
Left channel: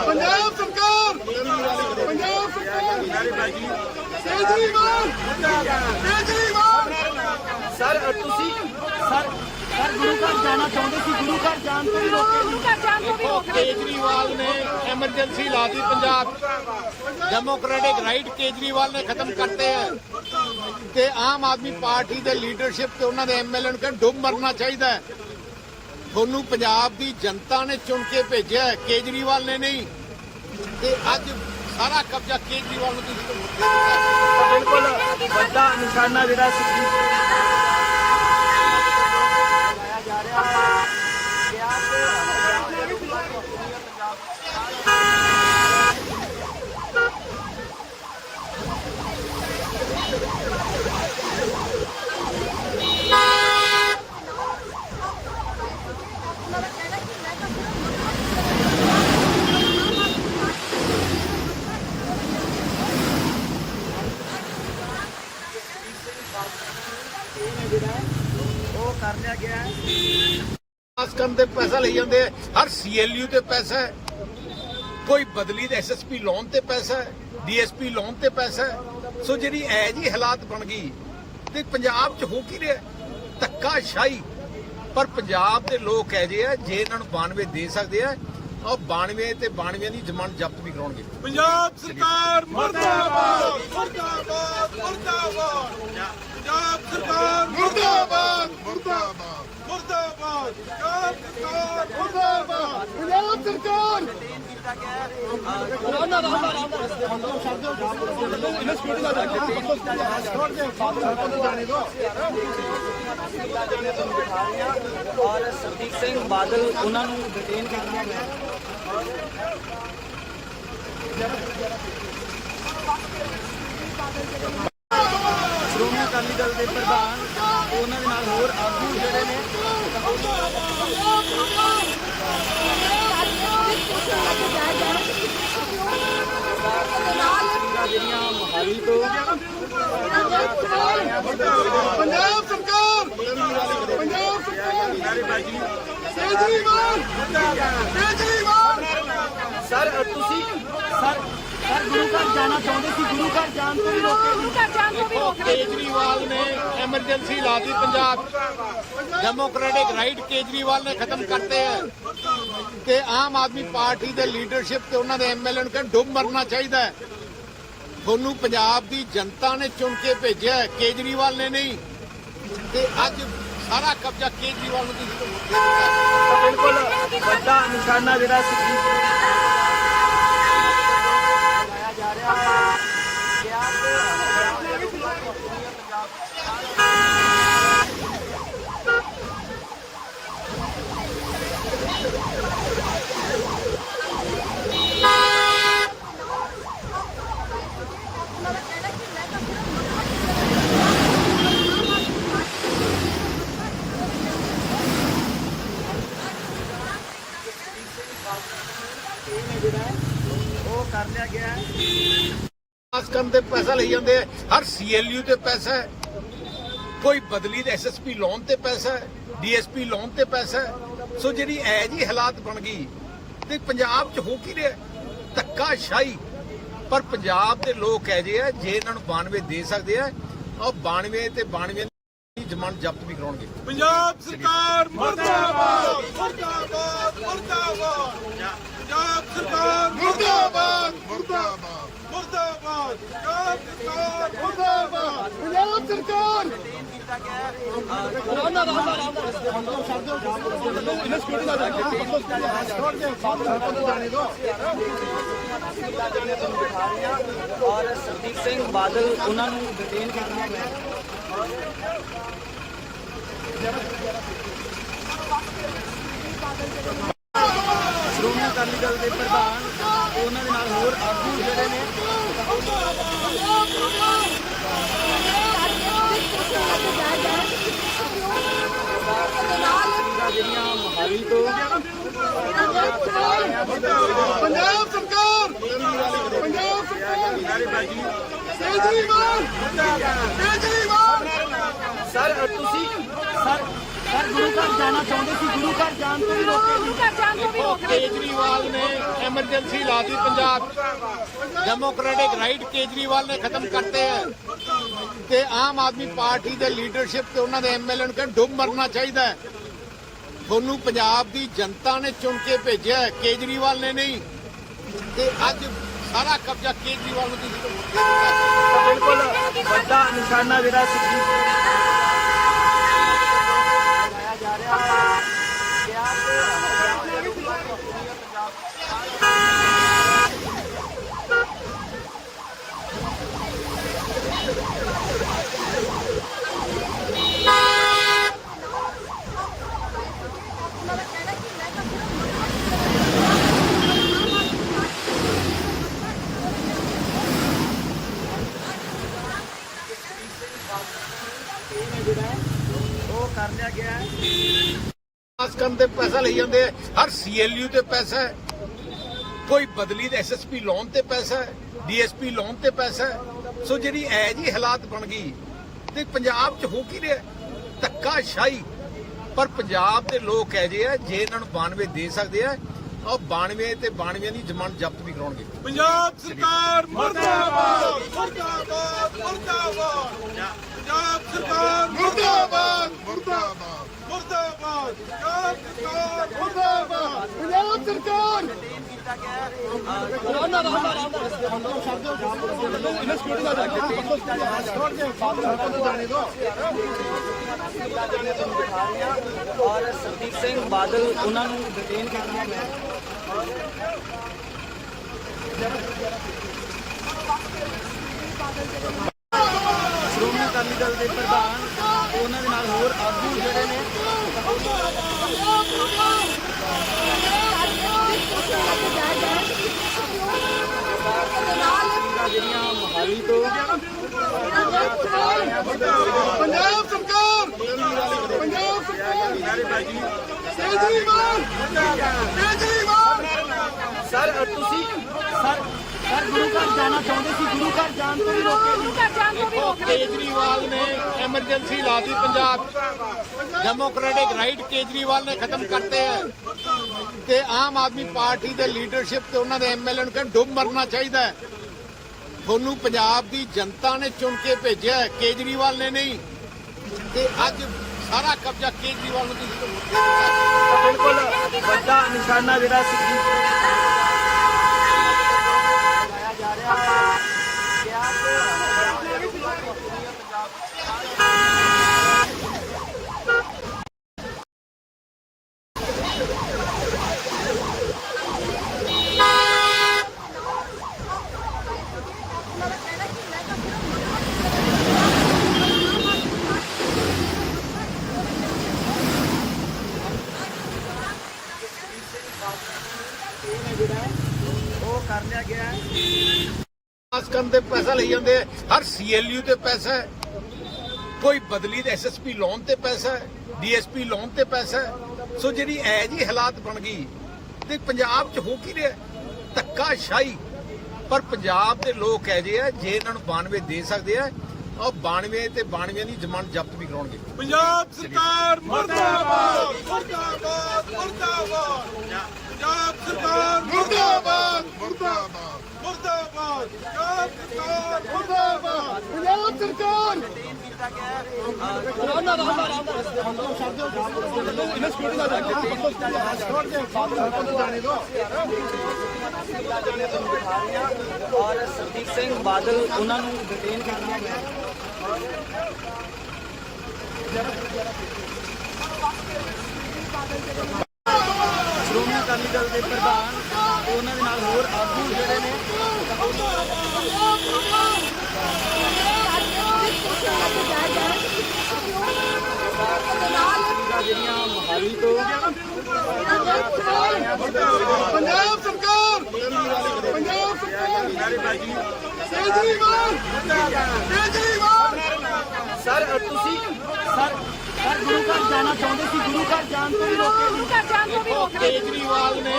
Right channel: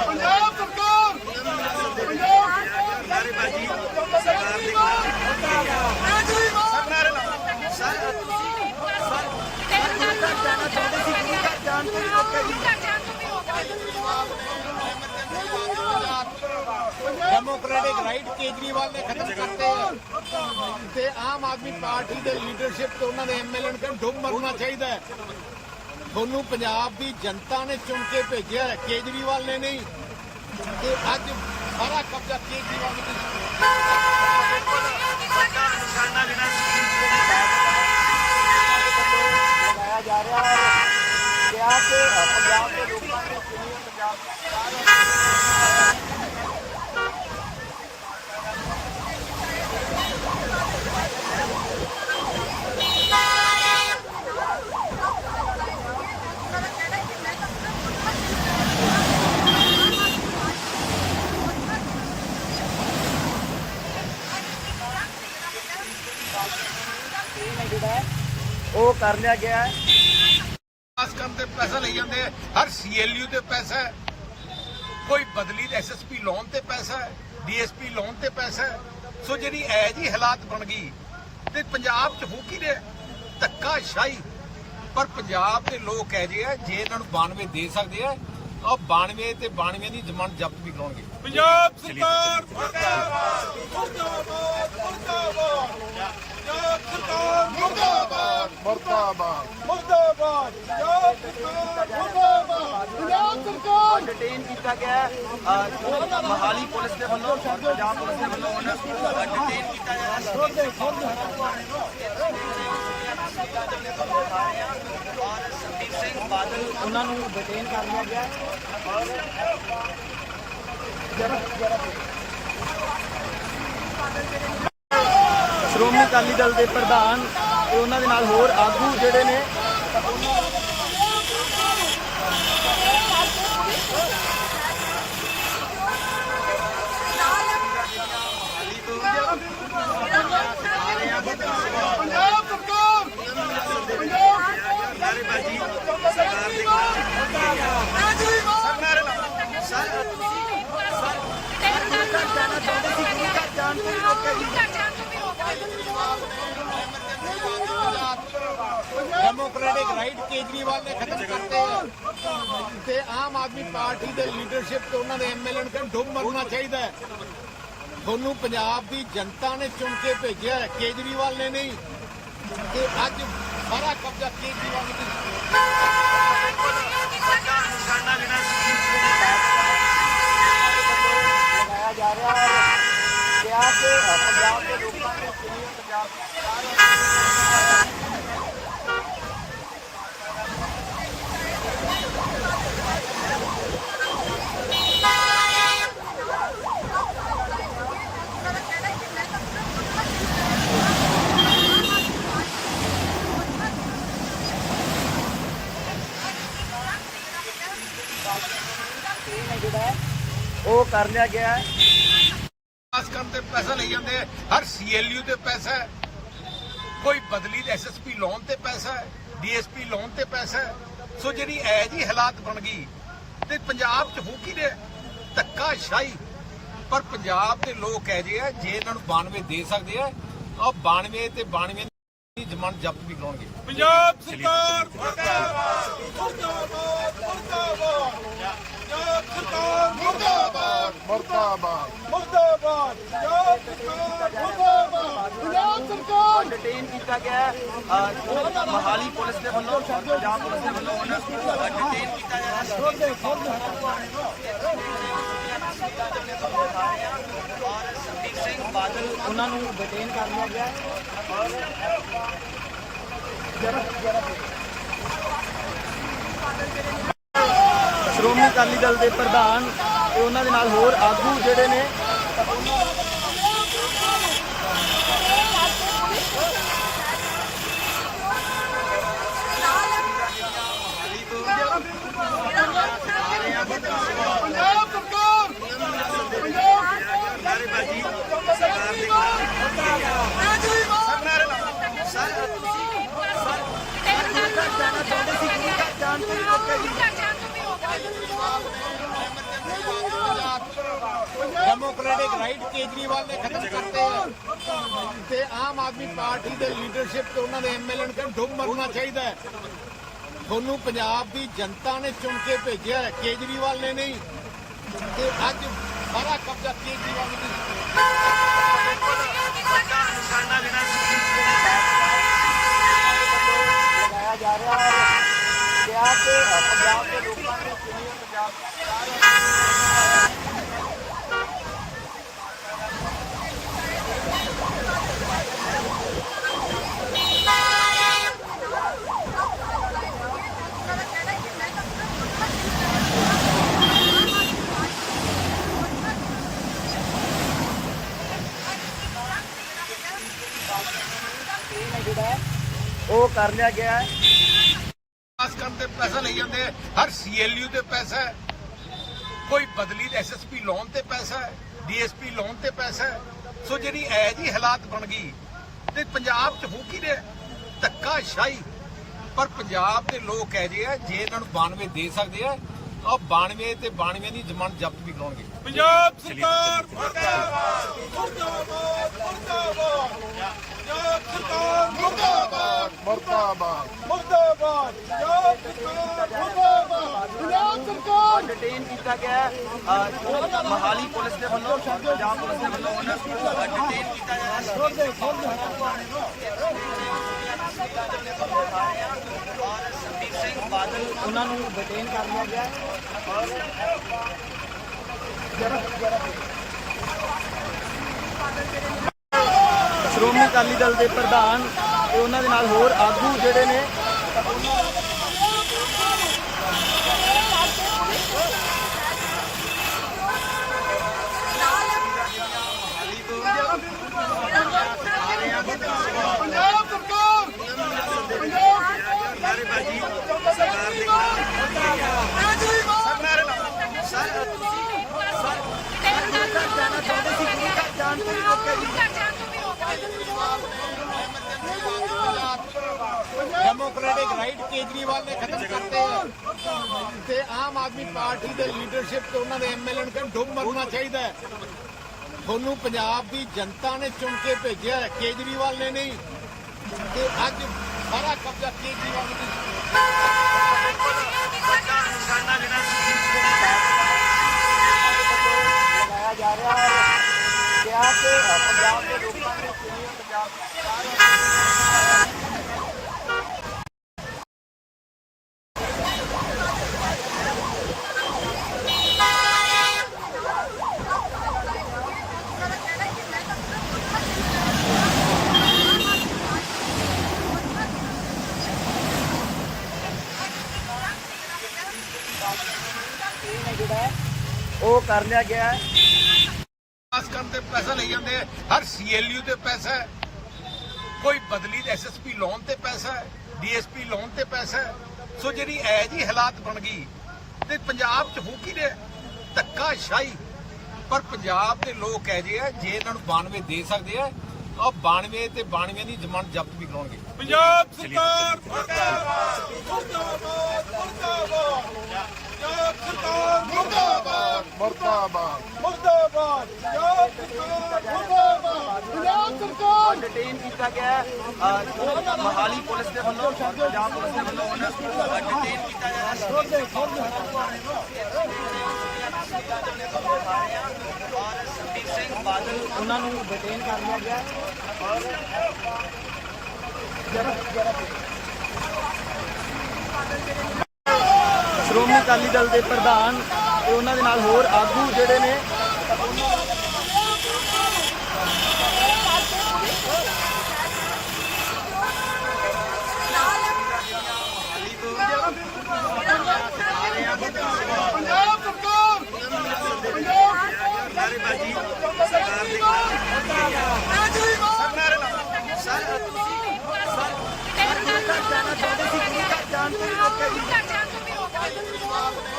ਪੰਜਾਬ ਸਰਕਾਰ ਪੰਜਾਬ ਸਰਕਾਰ ਕੇਜਰੀਵਾਲ ਕੇਜਰੀਵਾਲ ਸਰ ਤੁਸੀਂ ਜਾਣਾ ਚਾਹੁੰਦੇ ਸੀ ਗੁਰੂ ਘਰ ਜਾਣ ਤੋਂ ਹੀ ਰੋਕੇ ਸੀ ਕੇਜਰੀਵਾਲ ਨੇ ਐਮਰਜੈਂਸੀ ਲਾ ਪੰਜਾਬ। ਡੈਮੋਕ੍ਰੈਟਿਕ ਰਾਈਟ ਕੇਜਰੀਵਾਲ ਨੇ ਖਤਮ ਕਰਤੇ ਹੈ। ਤੇ ਆਮ ਆਦਮੀ ਪਾਰਟੀ ਦੇ ਲੀਡਰਸ਼ਿਪ ਤੇ ਉਹਨਾਂ ਦੇ ਐਮਐਲਏ ਨੂੰ ਡੁੱਬ ਮਰਨਾ ਚਾਹੀਦਾ ਹੈ। ਤੁਹਾਨੂੰ ਪੰਜਾਬ ਦੀ ਜਨਤਾ ਨੇ ਚੁਣ ਕੇ ਭੇਜਿਆ ਹੈ, ਕੇਜਰੀਵਾਲ ਨੇ ਨਹੀਂ। ਤੇ ਅੱਜ ਸਾਰਾ ਕਬਜ਼ਾ ਕੇਜਰੀਵਾਲ ਨੂੰ ਬਿਲਕੁਲ ਵੱਡਾ ਨਿਸ਼ਾਨਾ ਜਿਹੜਾ ਸੀ ਉਹ ਕਰ ਲਿਆ ਗਿਆ ਹੈ। ਪਾਸ ਕਰਨ ਤੇ ਪੈਸਾ ਲਈ ਜਾਂਦੇ ਆ। ਹਰ ਸੀਐਲਯੂ ਤੇ ਪੈਸਾ ਹੈ। ਕੋਈ ਬਦਲੀ ਦੇ ਐਸਐਸਪੀ ਲੋਨ ਤੇ ਪੈਸਾ ਹੈ। ਡੀਐਸਪੀ ਲੋਨ ਤੇ ਪੈਸਾ ਹੈ। ਸੋ ਜਿਹੜੀ ਐ ਜੀ ਹਾਲਾਤ ਬਣ ਗਈ ਤੇ ਪੰਜਾਬ 'ਚ ਹੋ ਕੀ ਰਿਹਾ ਧੱਕਾ ਸ਼ਾਹੀ ਪਰ ਪੰਜਾਬ ਦੇ ਲੋਕ ਕਹਿ ਜੇ ਆ, ਜੇ ਇਹਨਾਂ ਨੂੰ 92 ਦੇ ਸਕਦੇ ਆ ਉਹ 92 ਤੇ 92 ਦੀ ਜ਼ਮਾਨਤ ਜ਼ਬਤ ਵੀ ਕਰਾਉਣਗੇ। ਪੰਜਾਬ ਸਰਕਾਰ ਮੁਰਦਾਬਾਦ ਮੁਰਦਾਬਾਦ ਮੁਰਦਾਬਾਦ। ਪੰਜਾਬ ਸਰਕਾਰ ਮੁਰਦਾਬਾਦ ਮੁਰਦਾਬਾਦ। ਮੁਰਦਾਬਾਦ ਪੰਜਾਬ ਸਰਕਾਰ ਮੁਰਦਾਬਾਦ। ਪੰਜਾਬ ਸਰਕਾਰ। ਡਿਟੇਨ ਕੀਤਾ ਗਿਆ ਹੈ ਅਹ, ਮੋਹਾਲੀ ਪੁਲਿਸ ਦੇ ਵੱਲੋਂ ਪੰਜਾਬ ਪੁਲਿਸ ਦੇ ਵੱਲੋਂ ਉਹਨਾਂ ਨੂੰ ਡਿਟੇਨ ਕੀਤਾ ਗਿਆ ਔਰ ਸੰਦੀਪ ਸਿੰਘ ਬਾਦਲ ਉਹਨਾਂ ਨੂੰ ਡਿਟੇਨ ਕਰਨਾ ਪਿਆ ਸ਼੍ਰੋਮਣੀ ਅਕਾਲੀ ਦਲ ਦੇ ਪ੍ਰਧਾਨ ਤੇ ਉਹਨਾਂ ਦੇ ਨਾਲ ਹੋਰ ਆਗੂ ਜਿਹੜੇ ਨੇ ਪੰਜਾਬ ਸਰਕਾਰ! ਪੰਜਾਬ ਸਰਕਾਰ! ਕੇਜਰੀਵਾਲ ਨੇ ਐਮਰਜੈਂਸੀ ਲਾਤੀ ਪੰਜਾਬ ਡੈਮੋਕ੍ਰੈਟਿਕ ਰਾਈਟ ਕੇਜਰੀਵਾਲ ਨੇ ਖਤਮ ਕਰਤੇ ਹੈ ਤੇ ਆਮ ਆਦਮੀ ਪਾਰਟੀ ਦੇ ਲੀਡਰਸ਼ਿਪ ਤੇ ਉਹਨਾਂ ਦੇ ਐਮਐਲਏ ਨੂੰ ਕਹਿੰਦੇ ਡੁੱਬ ਮਰਨਾ ਚਾਹੀਦਾ ਹੈ ਤੁਹਾਨੂੰ ਪੰਜਾਬ ਦੀ ਜਨਤਾ ਨੇ ਚੁਣ ਕੇ ਭੇਜਿਆ ਕੇਜਰੀਵਾਲ ਨੇ ਨਹੀਂ ਤੇ ਅੱਜ ਸਾਰਾ ਕਬਜ਼ਾ ਕੇਜਰੀਵਾਲ ਨੂੰ ਤੁਸੀਂ ਦੇ ਦਿੱਤਾ ਬਿਲਕੁਲ ਵੱਡਾ ਨਿਸ਼ਾਨਾ ਜਿਹੜਾ ਸੁਖਬੀਰ ਸਿੰਘ ਉਹ ਕਰ ਲਿਆ ਗਿਆ ਹੈ। ਪਾਸ ਤੇ ਪੈਸਾ ਲਈ ਜਾਂਦੇ ਆ। ਹਰ ਸੀਐਲਯੂ ਤੇ ਪੈਸਾ ਹੈ। ਕੋਈ ਬਦਲੀ ਦੇ ਐਸਐਸਪੀ ਲੋਨ ਤੇ ਪੈਸਾ ਹੈ ਡੀਐਸਪੀ ਲੋਨ ਤੇ ਪੈਸਾ ਹੈ। ਸੋ ਜਿਹੜੀ ਐ ਜੀ ਹਾਲਾਤ ਬਣ ਗਈ ਤੇ ਪੰਜਾਬ 'ਚ ਹੋ ਕੀ ਰਿਹਾ? ਧੱਕਾ ਸ਼ਾਹੀ ਪਰ ਪੰਜਾਬ ਦੇ ਲੋਕ ਕਹਿ ਜੇ ਆ, ਜੇ ਇਹਨਾਂ ਨੂੰ 92 ਦੇ ਸਕਦੇ ਆ ਉਹ 92 ਤੇ 92 ਜ਼ਮਾਨਤ ਜ਼ਬਤ ਵੀ ਕਰਾਉਣਗੇ। ਪੰਜਾਬ ਸਰਕਾਰ ਮੁਰਦਾਬਾਦ ਮੁਰਦਾਬਾਦ ਮੁਰਦਾਬਾਦ। ਪੰਜਾਬ ਸਰਕਾਰ ਮੁਰਦਾਬਾਦ ਮੁਰਦਾਬਾਦ। ਮੁਰਦਾਬਾਦ ਪੰਜਾਬ ਸਰਕਾਰ ਮੁਰਦਾਬਾਦ। ਪੰਜਾਬ ਸਰਕਾਰ! ਡਿਟੇਨ ਕੀਤਾ ਗਿਆ। ਹੈ ਅਹ, ਮੋਹਾਲੀ ਪੁਲਿਸ ਦੇ ਵੱਲੋਂ ਪੰਜਾਬ ਪੁਲਿਸ ਦੇ ਵੱਲੋਂ ਉਹਨਾਂ ਨੂੰ ਡਿਟੇਨ ਕੀਤਾ ਗਿਆ। ਔਰ ਸੰਦੀਪ ਸਿੰਘ ਬਾਦਲ ਉਹਨਾਂ ਨੂੰ ਡਿਟੇਨ ਕਰਨਾ ਪਿਆ ਸ਼੍ਰੋਮਣੀ ਅਕਾਲੀ ਦਲ ਦੇ ਪ੍ਰਧਾਨ ਤੇ ਉਹਨਾਂ ਦੇ ਨਾਲ ਹੋਰ ਆਗੂ ਜਿਹੜੇ ਨੇ। ਪੰਜਾਬ ਸਰਕਾਰ! ਪੰਜਾਬ ਸਰਕਾਰ! ਕੇਜਰੀਵਾਲ ਕੇਜਰੀਵਾਲ ਸਰ ਤੁਸੀਂ ਸਰ ਗੁਰੂ ਘਰ ਜਾਣਾ ਚਾਹੁੰਦੇ ਸੀ ਗੁਰੂ ਘਰ ਜਾਣ ਤੋਂ ਹੀ ਰੋਕੇ ਜੀ ਦੇਖੋ ਕੇਜਰੀਵਾਲ ਨੇ ਐਮਰਜੈਂਸੀ ਲਾਤੀ ਪੰਜਾਬ। 'ਚ। ਡੈਮੋਕ੍ਰੈਟਿਕ ਰਾਈਟ ਕੇਜਰੀਵਾਲ ਨੇ ਖਤਮ ਕਰਤੇ ਹੈ। ਤੇ ਆਮ ਆਦਮੀ ਪਾਰਟੀ ਦੇ ਲੀਡਰਸ਼ਿਪ ਤੇ ਉਹਨਾਂ ਦੇ ਐਮਐਲਏ ਨੂੰ ਕਹਿੰਦੇ ਡੁੱਬ ਮਰਨਾ ਚਾਹੀਦਾ ਹੈ। ਤੁਹਾਨੂੰ ਪੰਜਾਬ ਦੀ ਜਨਤਾ ਨੇ ਚੁਣ ਕੇ ਭੇਜਿਆ ਕੇਜਰੀਵਾਲ ਨੇ ਨਹੀਂ। ਤੇ ਅੱਜ ਸਾਰਾ ਕਬਜ਼ਾ ਕੇਜਰੀਵਾਲ ਨੂੰ ਬਿਲਕੁਲ ਵੱਡਾ ਨਿਸ਼ਾਨਾ ਜਿਹੜਾ ਸੁਖਬੀਰ ਸਿੰਘ ਉਹ ਤੇ ਜਾਂਦੇ ਆ, ਹਰ ਸੀਐਲਯੂ ਤੇ ਪੈਸਾ ਹੈ। ਕੋਈ ਬਦਲੀ ਦੇ ਐਸਐਸਪੀ ਲੋਨ ਤੇ ਪੈਸਾ ਹੈ ਡੀਐਸਪੀ ਲੋਨ ਤੇ ਪੈਸਾ ਹੈ। ਸੋ ਜਿਹੜੀ ਐ ਜੀ ਹਾਲਾਤ ਬਣ ਗਈ, ਤੇ ਪੰਜਾਬ 'ਚ ਹੋ ਕੀ ਰਿਹਾ ਧੱਕਾ ਸ਼ਾਹੀ। ਪਰ ਪੰਜਾਬ ਦੇ ਲੋਕ ਕਹਿ ਜੇ ਆ, ਜੇ ਇਹਨਾਂ ਨੂੰ 92 ਦੇ ਸਕਦੇ ਆ ਉਹ 92 ਤੇ 92 ਦੀ ਜ਼ਮਾਨਤ ਜ਼ਬਤ ਵੀ ਕਰਾਉਣਗੇ। ਪੰਜਾਬ ਸਰਕਾਰ ਮੁਰਦਾਬਾਦ ਮੁਰਦਾਬਾਦ ਮੁਰਦਾਬਾਦ। ਪੰਜਾਬ ਸਰਕਾਰ ਮੁਰਦਾਬਾਦ ਮੁਰਦਾਬਾਦ ਮੁਰਦਾਬਾਦ। ਪੰਜਾਬ ਸਰਕਾਰ ਕੀਤਾ ਗਿਆ ਹੈ ਅਹ, ਮੋਹਾਲੀ ਪੁਲਿਸ ਦੇ ਵੱਲੋਂ ਪੰਜਾਬ ਪੁਲਿਸ ਦੇ ਵੱਲੋਂ ਉਹਨਾਂ ਨੂੰ ਡਿਟੇਨ ਕੀਤਾ ਗਿਆ ਔਰ ਸੰਦੀਪ ਸਿੰਘ ਬਾਦਲ ਉਹਨਾਂ ਨੂੰ ਡਿਟੇਨ ਕਰਨਾ ਪਿਆ ਸ਼੍ਰੋਮਣੀ ਅਕਾਲੀ ਦਲ ਦੇ ਪ੍ਰਧਾਨ ਤੇ ਉਹਨਾਂ ਦੇ ਨਾਲ ਹੋਰ ਆਗੂ ਜਿਹੜੇ ਨੇ ਪੰਜਾਬ ਸਰਕਾਰ। ਪੰਜਾਬ ਸਰਕਾਰ। ਕੇਜਰੀਵਾਲ ਕੇਜਰੀਵਾਲ ਸਰ ਤੁਸੀਂ ਗੁਰੂ ਘਰ ਜਾਣਾ ਚਾਹੁੰਦੇ ਸੀ ਗੁਰੂ ਘਰ ਜਾਣ ਤੋਂ ਹੀ ਰੋਕੇ ਦੇਖੋ ਕੇਜਰੀਵਾਲ ਨੇ ਐਮਰਜੈਂਸੀ ਲਾਤੀ ਪੰਜਾਬ 'ਚ। ਡੈਮੋਕ੍ਰੈਟਿਕ ਰਾਈਟ ਕੇਜਰੀਵਾਲ ਨੇ ਖਤਮ ਕਰਤੇ ਹੈ। ਤੇ ਆਮ ਆਦਮੀ ਪਾਰਟੀ ਦੇ ਲੀਡਰਸ਼ਿਪ ਤੇ ਉਹਨਾਂ ਦੇ ਐਮਐਲਏ ਨੂੰ ਕਹਿੰਦੇ ਡੁੱਬ ਮਰਨਾ ਚਾਹੀਦਾ ਹੈ। ਤੁਹਾਨੂੰ ਪੰਜਾਬ ਦੀ ਜਨਤਾ ਨੇ ਚੁਣ ਕੇ ਭੇਜਿਆ ਕੇਜਰੀਵਾਲ ਨੇ ਨਹੀਂ। ਤੇ ਅੱਜ ਸਾਰਾ ਕਬਜ਼ਾ ਕੇਜਰੀਵਾਲ ਨੂੰ ਬਿਲਕੁਲ ਵੱਡਾ ਨਿਸ਼ਾਨਾ ਜਿਹੜਾ ਸੁਖਬੀਰ ਸਿੰਘ ਬਾਦਲ ਉਹ ਕਰ ਲਿਆ ਗਿਆ ਹੈ ਪਾਸ ਕਰਨ ਤੇ ਪੈਸਾ ਲਈ ਜਾਂਦੇ ਆ। ਹਰ ਸੀਐਲਯੂ ਤੇ ਪੈਸਾ ਹੈ। ਕੋਈ ਬਦਲੀ ਦੇ ਐਸਐਸਪੀ ਲੋਨ ਤੇ ਪੈਸਾ ਹੈ ਡੀਐਸਪੀ ਲੋਨ ਤੇ ਪੈਸਾ ਹੈ। ਸੋ ਜਿਹੜੀ ਐ ਜੀ ਹਾਲਾਤ ਬਣ ਗਈ ਤੇ ਪੰਜਾਬ 'ਚ ਹੋ ਕੀ ਰਿਹਾ? ਧੱਕਾ ਸ਼ਾਹੀ ਪਰ ਪੰਜਾਬ ਦੇ ਲੋਕ ਕਹਿ ਜੇ ਆ, ਜੇ ਇਹਨਾਂ ਨੂੰ 92 ਦੇ ਸਕਦੇ ਆ ਉਹ 92 ਤੇ 92 ਦੀ ਜ਼ਮਾਨਤ ਜ਼ਬਤ ਵੀ ਕਰਾਉਣਗੇ। ਪੰਜਾਬ ਸਰਕਾਰ ਮੁਰਦਾਬਾਦ ਮੁਰਦਾਬਾਦ ਮੁਰਦਾਬਾਦ। ਪੰਜਾਬ ਮੁਰਦਾਬਾਦ। ਮੁਰਦਾਬਾਦ। ਪੰਜਾਬ ਸਰਕਾਰ ਮੁਰਦਾਬਾਦ। ਪੰਜਾਬ ਸਰਕਾਰ। ਡਿਟੇਨ ਕੀਤਾ ਗਿਆ ਹੈ ਮੋਹਾਲੀ ਪੁਲਿਸ ਦੇ ਵੱਲੋਂ ਪੰਜਾਬ ਪੁਲਿਸ ਦੇ ਵੱਲੋਂ ਉਹਨਾਂ ਨੂੰ ਡਿਟੇਨ ਕੀਤਾ ਗਿਆ ਹੈ ਔਰ ਸੁਖਬੀਰ ਸਿੰਘ ਬਾਦਲ ਉਹਨਾਂ ਨੂੰ ਡਿਟੇਨ ਕਰ ਲਿਆ ਗਿਆ ਹੈ ਸ਼੍ਰੋਮਣੀ ਅਕਾਲੀ ਦਲ ਦੇ ਪ੍ਰਧਾਨ ਤੇ ਉਹਨਾਂ ਦੇ ਨਾਲ ਹੋਰ ਆਗੂ ਜਿਹੜੇ ਨੇ। ਪੰਜਾਬ ਸਰਕਾਰ! ਪੰਜਾਬ ਸਰਕਾਰ ਕੇਜਰੀਵਾਲ ਕੇਜਰੀਵਾਲ ਸਰ ਤੁਸੀਂ ਸਰ ਸਰ ਗੁਰੂ ਘਰ ਜਾਣਾ ਚਾਹੁੰਦੇ ਸੀ ਗੁਰੂ ਘਰ ਜਾਣ ਤੋਂ ਹੀ ਰੋਕੇ ਸੀ ਕੇਜਰੀਵਾਲ ਨੇ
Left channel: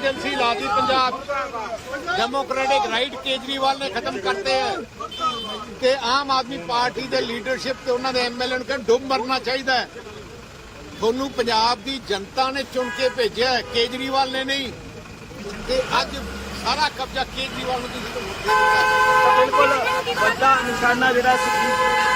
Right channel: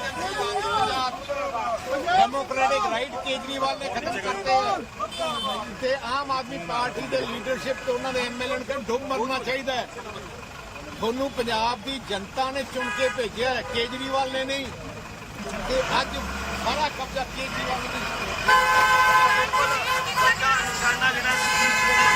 ਐਮਰਜੈਂਸੀ ਲਾਤੀ ਪੰਜਾਬ। ਡੈਮੋਕ੍ਰੈਟਿਕ ਰਾਈਟ ਕੇਜਰੀਵਾਲ ਨੇ ਖਤਮ ਕਰਤੇ ਹੈ। ਤੇ ਆਮ ਆਦਮੀ ਪਾਰਟੀ ਦੇ ਲੀਡਰਸ਼ਿਪ ਤੇ ਉਹਨਾਂ ਦੇ ਐਮਐਲਏ ਨੂੰ ਕਹਿੰਦੇ ਡੁੱਬ ਮਰਨਾ ਚਾਹੀਦਾ ਹੈ। ਤੁਹਾਨੂੰ ਪੰਜਾਬ ਦੀ ਜਨਤਾ ਨੇ ਚੁਣ ਕੇ ਭੇਜਿਆ ਹੈ, ਕੇਜਰੀਵਾਲ ਨੇ ਨਹੀਂ। ਤੇ ਅੱਜ ਸਾਰਾ ਕਬਜ਼ਾ ਕੇਜਰੀਵਾਲ ਨੇ ਤੁਸੀਂ ਦਿੱਤਾ ਬਿਲਕੁਲ ਵੱਡਾ ਨਿਸ਼ਾਨਾ ਜਿਹੜਾ ਸੁਖਬੀਰ ਸਿੰਘ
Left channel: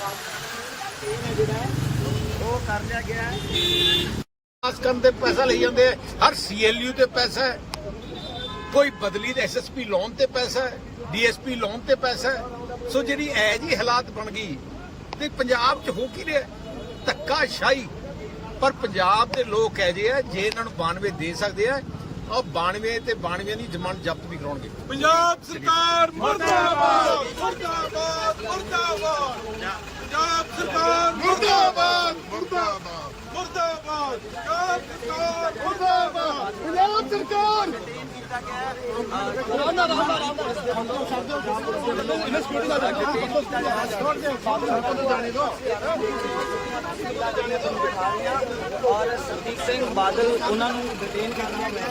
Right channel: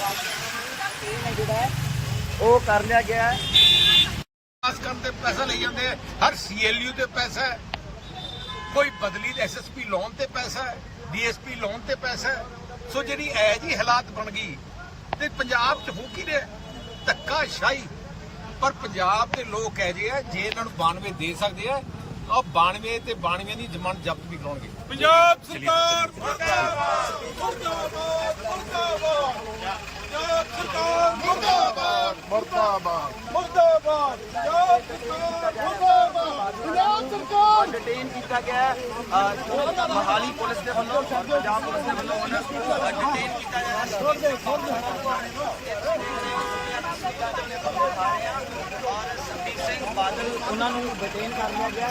ਬਾਦਲ ਉਹ ਕਰ ਲਿਆ ਗਿਆ ਹੈ ਪਾਸ ਕਰਨ ਤੇ ਪੈਸਾ ਲਈ ਜਾਂਦੇ ਆ, ਹਰ ਸੀਐਲਯੂ ਤੇ ਪੈਸਾ ਹੈ। ਕੋਈ ਬਦਲੀ ਦੇ ਐਸਐਸਪੀ ਲੋਨ ਤੇ ਪੈਸਾ ਹੈ ਡੀਐਸਪੀ ਲੋਨ ਤੇ ਪੈਸਾ ਹੈ। ਸੋ ਜਿਹੜੀ ਐ ਜੀ ਹਾਲਾਤ ਬਣ ਗਈ, ਤੇ ਪੰਜਾਬ 'ਚ ਹੋ ਕੀ ਰਿਹਾ? ਧੱਕਾ ਸ਼ਾਹੀ ਪਰ ਪੰਜਾਬ ਦੇ ਲੋਕ ਕਹਿ ਜੇ ਆ, ਜੇ ਇਹਨਾਂ ਨੂੰ 92 ਦੇ ਸਕਦੇ ਆ ਉਹ 92 ਤੇ 92 ਦੀ ਜ਼ਮਾਨਤ ਜ਼ਬਤ ਵੀ ਕਰਾਉਣਗੇ। ਪੰਜਾਬ ਸਰਕਾਰ ਮੁਰਦਾਬਾਦ ਮੁਰਦਾਬਾਦ ਮੁਰਦਾਬਾਦ। ਪੰਜਾਬ ਸਰਕਾਰ ਮੁਰਦਾਬਾਦ ਮੁਰਦਾਬਾਦ। ਮੁਰਦਾਬਾਦ। ਪੰਜਾਬ ਸਰਕਾਰ ਮੁਰਦਾਬਾਦ। ਪੰਜਾਬ ਸਰਕਾਰ। ਡਿਟੇਨ ਕੀਤਾ ਗਿਆ ਹੈ ਅਹ, ਮੋਹਾਲੀ ਪੁਲਿਸ ਦੇ ਵੱਲੋਂ ਪੰਜਾਬ ਪੁਲਿਸ ਦੇ ਵੱਲੋਂ ਉਹਨਾਂ ਨੂੰ ਡਿਟੇਨ ਕੀਤਾ ਗਿਆ ਹੈ ਔਰ ਸੁਖਬੀਰ ਸਿੰਘ ਬਾਦਲ ਉਹਨਾਂ ਨੂੰ ਡਿਟੇਨ ਕਰ ਲਿਆ ਗਿਆ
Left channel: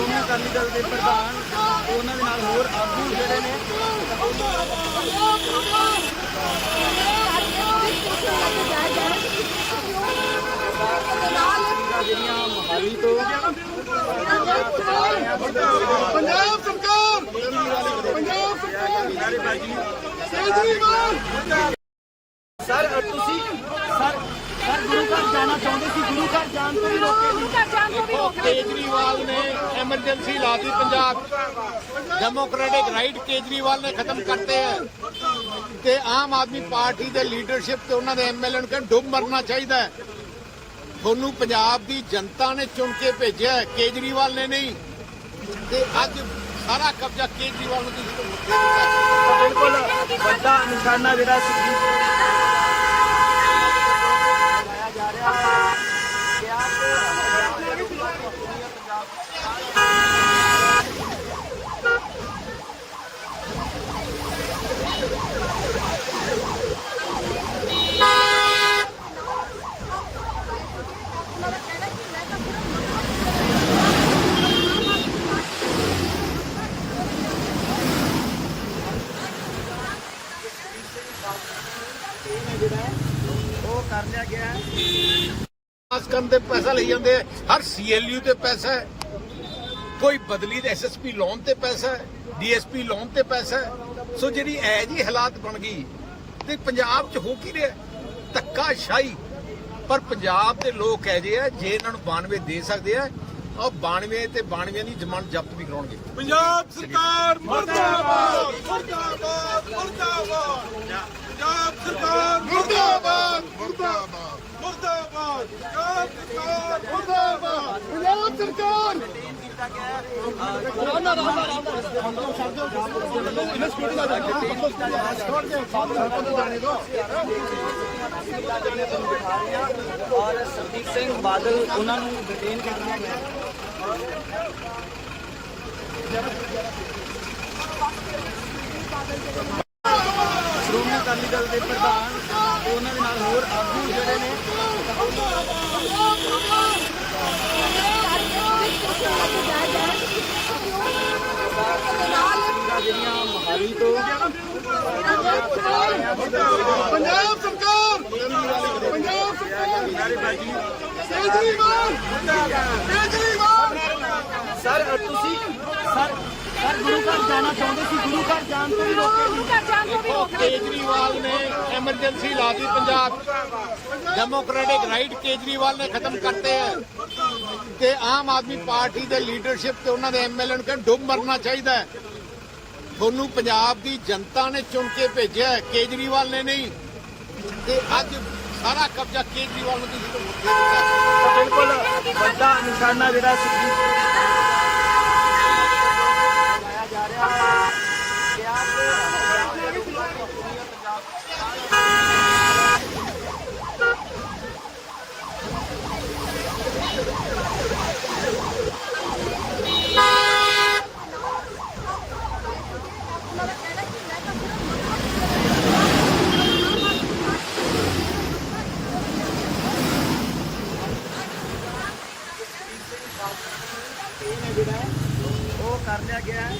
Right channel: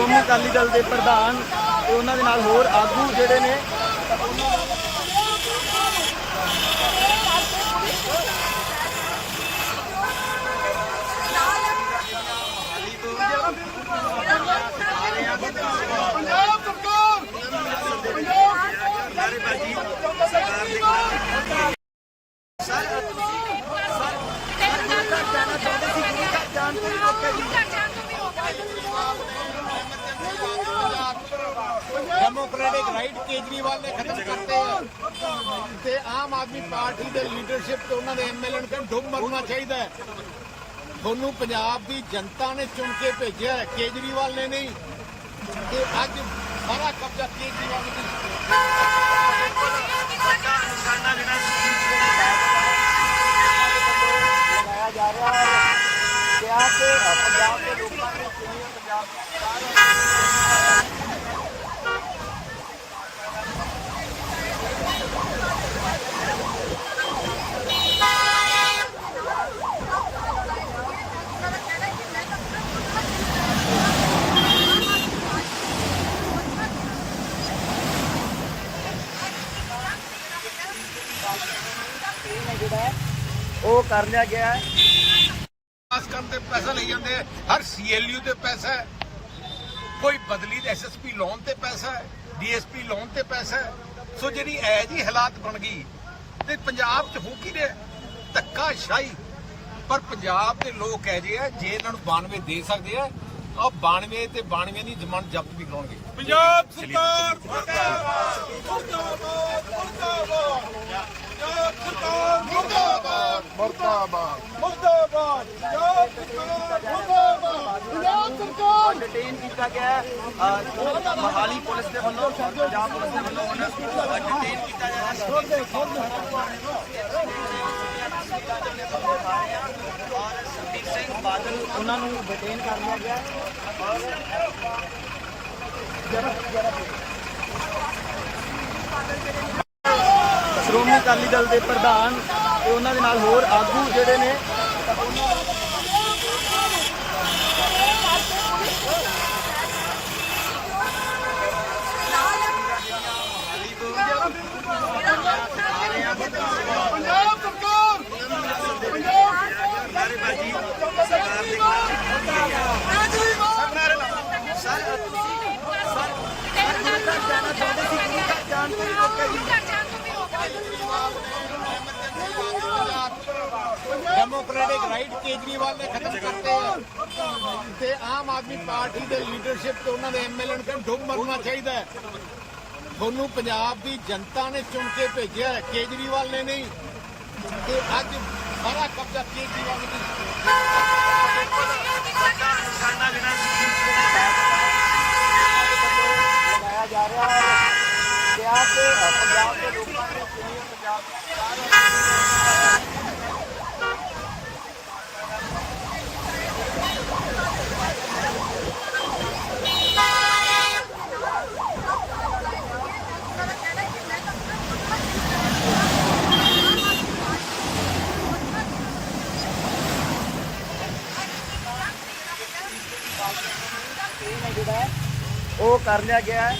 ਸ਼੍ਰੋਮਣੀ ਅਕਾਲੀ ਦਲ ਦੇ ਪ੍ਰਧਾਨ ਤੇ ਉਹਨਾਂ ਦੇ ਨਾਲ ਹੋਰ ਆਗੂ ਜਿਹੜੇ ਨੇ। ਪੰਜਾਬ ਸਰਕਾਰ! ਪੰਜਾਬ ਸਰਕਾਰ! ਕੇਜਰੀਵਾਲ ਸਰ ਤੁਸੀਂ ਸਰ ਸਰ ਗੁਰੂ ਘਰ ਜਾਣਾ ਚਾਹੁੰਦੇ ਸੀ ਗੁਰੂ ਘਰ ਜਾਣ ਤੋਂ ਹੀ ਰੋਕੇ ਸੀ ਕੇਜਰੀਵਾਲ ਨੇ ਐਮਰਜੈਂਸੀ ਲਾਤੀ ਪੰਜਾਬ ਡੈਮੋਕ੍ਰੈਟਿਕ ਰਾਈਟ ਕੇਜਰੀਵਾਲ ਨੇ ਖਤਮ ਕਰਤੇ ਹੈ। ਤੇ ਆਮ ਆਦਮੀ ਪਾਰਟੀ ਦੇ ਲੀਡਰਸ਼ਿਪ ਤੇ ਉਹਨਾਂ ਦੇ ਐਮਐਲਏ ਨੂੰ ਕਹਿੰਦੇ ਡੁੱਬ ਮਰਨਾ ਚਾਹੀਦਾ ਤੁਹਾਨੂੰ ਪੰਜਾਬ ਦੀ ਜਨਤਾ ਨੇ ਚੁਣ ਕੇ ਭੇਜਿਆ ਹੈ, ਕੇਜਰੀਵਾਲ ਨੇ ਨਹੀਂ। ਤੇ ਅੱਜ ਸਾਰਾ ਕਬਜ਼ਾ ਕੇਜਰੀਵਾਲ ਨੂੰ ਬਿਲਕੁਲ ਵੱਡਾ ਨਿਸ਼ਾਨਾ ਜਿਹੜਾ ਸੁਖਬੀਰ ਸਿੰਘ ਬਾਦਲ ਲਿਆ ਪੈਸਾ ਲਈ ਜਾਂਦੇ ਆ। ਹਰ ਸੀਐਲਯੂ ਤੇ ਪੈਸਾ ਹੈ। ਕੋਈ ਬਦਲੀ ਦੇ ਐਸਐਸਪੀ ਲੋਨ ਤੇ ਪੈਸਾ ਹੈ ਡੀਐਸਪੀ ਲੋਨ ਤੇ ਪੈਸਾ ਹੈ। ਸੋ ਜਿਹੜੀ ਐ ਜੀ ਹਾਲਾਤ ਬਣ ਗਈ ਤੇ ਪੰਜਾਬ 'ਚ ਹੋ ਕੀ ਰਿਹਾ? ਧੱਕਾ ਸ਼ਾਹੀ ਪਰ ਪੰਜਾਬ ਦੇ ਲੋਕ ਕਹਿ ਜੇ ਆ ਜੇ ਇਹਨਾਂ ਨੂੰ 92 ਦੇ ਸਕਦੇ ਆ ਉਹ 92 ਤੇ 92 ਦੀ ਜ਼ਮਾਨਤ ਜ਼ਬਤ ਵੀ ਕਰਾਉਣਗੇ। ਪੰਜਾਬ ਸਰਕਾਰ ਮੁਰਦਾਬਾਦ ਮੁਰਦਾਬਾਦ ਮੁਰਦਾਬਾਦ। ਪੰਜਾਬ ਸਰਕਾਰ ਮੁਰਦਾਬਾਦ। ਮੁਰਦਾਬਾਦ। ਮੁਰਦਾਬਾਦ ਪੰਜਾਬ ਸਰਕਾਰ ਮੁਰਦਾਬਾਦ। ਪੰਜਾਬ ਸਰਕਾਰ! ਡਿਟੇਨ ਕੀਤਾ ਗਿਆ ਹੈ। ਅਹ, ਮੋਹਾਲੀ ਪੁਲਿਸ ਦੇ ਵੱਲੋਂ ਪੰਜਾਬ ਪੁਲਿਸ ਦੇ ਵੱਲੋਂ ਉਹਨਾਂ ਨੂੰ ਡਿਟੇਨ ਕੀਤਾ ਗਿਆ ਔਰ ਸੰਦੀਪ ਸਿੰਘ ਬਾਦਲ ਉਹਨਾਂ ਨੂੰ ਡਿਟੇਨ ਕਰਨਾ ਹੈ। ਸ਼੍ਰੋਮਣੀ ਅਕਾਲੀ ਦਲ ਦੇ ਪ੍ਰਧਾਨ ਤੇ ਉਹਨਾਂ ਦੇ ਨਾਲ ਹੋਰ ਆਗੂ ਜਿਹੜੇ ਨੇ। ਪੰਜਾਬ ਸਰਕਾਰ ਪੰਜਾਬ ਸਰਕਾਰ ਕੇਜਰੀਵਾਲ ਕੇਜਰੀਵਾਲ ਸਰ ਤੁਸੀਂ ਸਰ ਗੁਰੂ ਘਰ ਜਾਣਾ ਚਾਹੁੰਦੇ ਸੀ ਗੁਰੂ ਘਰ ਜਾਣ ਤੋਂ ਹੀ ਰੋਕੇ ਸੀ ਕੇਜਰੀਵਾਲ ਨੇ ਐਮਰਜੈਂਸੀ ਲਾ ਦਿੱਤੀ ਪੰਜਾਬ ਡੈਮੋਕ੍ਰੈਟਿਕ ਰਾਈਟ ਕੇਜਰੀਵਾਲ ਨੇ ਖਤਮ ਕਰਤੇ ਹੈ ਤੇ ਆਮ ਆਦਮੀ ਪਾਰਟੀ ਦੇ ਲੀਡਰਸ਼ਿਪ ਤੇ ਉਹਨਾਂ ਦੇ ਐਮਐਲਏ ਨੂੰ ਕਹਿੰਦੇ ਡੁੱਬ ਮਰਨਾ ਚਾਹੀਦਾ ਹੈ ਤੁਹਾਨੂੰ ਪੰਜਾਬ ਦੀ ਜਨਤਾ ਨੇ ਚੁਣ ਕੇ ਭੇਜਿਆ ਹੈ, ਕੇਜਰੀਵਾਲ ਨੇ ਨਹੀਂ ਤੇ ਅੱਜ ਸਾਰਾ ਕਬਜ਼ਾ ਕੇਜਰੀਵਾਲ ਨੇ ਦੇ ਦਿੱਤਾ ਬਿਲਕੁਲ ਵੱਡਾ ਨਿਸ਼ਾਨਾ ਜਿਹੜਾ ਸੁਖਬੀਰ ਸਿੰਘ ਬਾਦਲ ਉਹ ਕਰ ਲਿਆ ਗਿਆ ਹੈ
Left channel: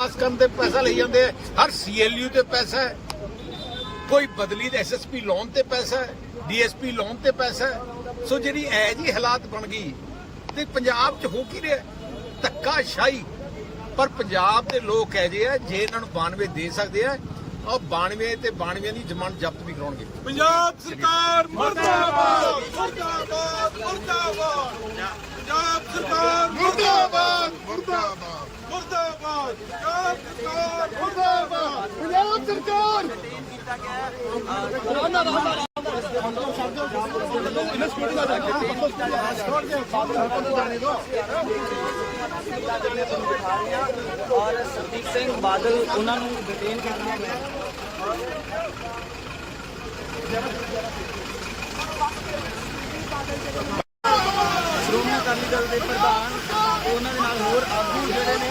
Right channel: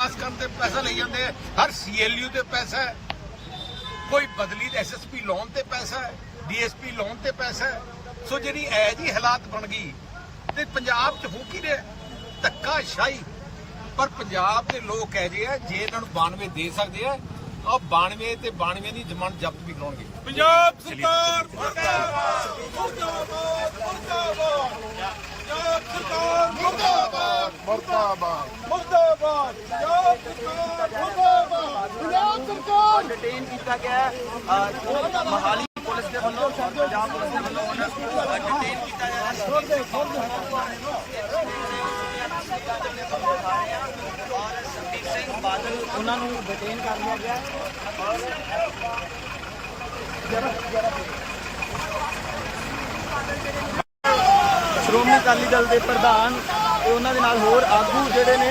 ਪਾਸ ਕਰਨ ਤੇ ਪੈਸਾ ਲਈ ਜਾਂਦੇ ਆ। ਹਰ ਸੀਐਲਯੂ ਤੇ ਪੈਸਾ ਹੈ। ਕੋਈ ਬਦਲੀ ਦੇ ਐਸਐਸਪੀ ਲੋਨ ਤੇ ਪੈਸਾ ਹੈ ਡੀਐਸਪੀ ਲੋਨ ਤੇ ਪੈਸਾ ਹੈ। ਸੋ ਜਿਹੜੀ ਐ ਜੀ ਹਾਲਾਤ ਬਣ ਗਈ ਤੇ ਪੰਜਾਬ 'ਚ ਹੋ ਕੀ ਰਿਹਾ ਧੱਕਾ ਸ਼ਾਹੀ ਪਰ ਪੰਜਾਬ ਦੇ ਲੋਕ ਕਹਿ ਜੇ ਆ ਜੇ ਇਹਨਾਂ ਨੂੰ 92 ਦੇ ਸਕਦੇ ਆ ਉਹ 92 ਤੇ 92 ਦੀ ਜ਼ਮਾਨਤ ਜ਼ਬਤ ਵੀ ਕਰਾਉਣਗੇ। ਪੰਜਾਬ ਸਰਕਾਰ ਮੁਰਦਾਬਾਦ ਮੁਰਦਾਬਾਦ ਮੁਰਦਾਬਾਦ। ਪੰਜਾਬ ਸਰਕਾਰ ਮੁਰਦਾਬਾਦ। ਮੁਰਦਾਬਾਦ। ਮੁਰਦਾਬਾਦ ਪੰਜਾਬ ਸਰਕਾਰ ਮੁਰਦਾਬਾਦ ਪੰਜਾਬ ਸਰਕਾਰ ਡਿਟੇਨ ਕੀਤਾ ਗਿਆ ਹੈ ਅਹ, ਮੋਹਾਲੀ ਪੁਲਿਸ ਦੇ ਵੱਲੋਂ ਪੰਜਾਬ ਪੁਲਿਸ ਦੇ ਵੱਲੋਂ ਉਹਨਾਂ ਨੂੰ ਡਿਟੇਨ ਕੀਤਾ ਗਿਆ ਔਰ ਸੰਦੀਪ ਸਿੰਘ ਬਾਦਲ ਉਹਨਾਂ ਨੂੰ ਡਿਟੇਨ ਕਰਨਾ ਹੈ ਸ਼੍ਰੋਮਣੀ ਅਕਾਲੀ ਦਲ ਦੇ ਪ੍ਰਧਾਨ ਤੇ ਉਹਨਾਂ ਦੇ ਨਾਲ ਹੋਰ ਆਗੂ ਜਿਹੜੇ ਨੇ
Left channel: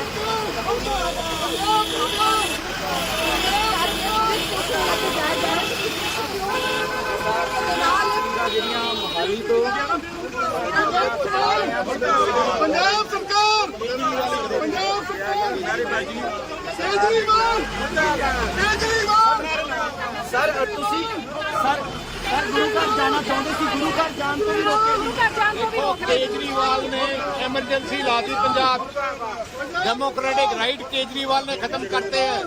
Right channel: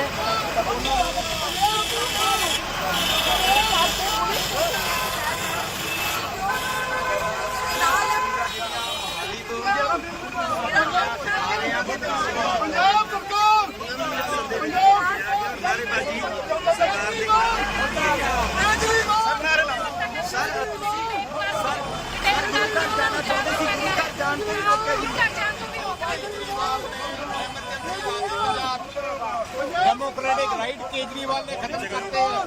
ਪੰਜਾਬ ਸਰਕਾਰ ਪੰਜਾਬ ਸਰਕਾਰ। ਕੇਜਰੀਵਾਲ ਸਰ ਤੁਸੀਂ ਜਾਣਾ ਚਾਹੁੰਦੇ ਸੀ ਗੁਰੂ ਘਰ ਜਾਣ ਤੋਂ ਹੀ ਰੋਕੇ ਸੀ ਕੇਜਰੀਵਾਲ ਨੇ ਐਮਰਜੈਂਸੀ ਲਾ ਦਿੱਤੀ ਪੰਜਾਬ। ਡੈਮੋਕ੍ਰੈਟਿਕ ਰਾਈਟ ਕੇਜਰੀਵਾਲ ਨੇ ਖਤਮ ਕਰਤੇ ਹੈ।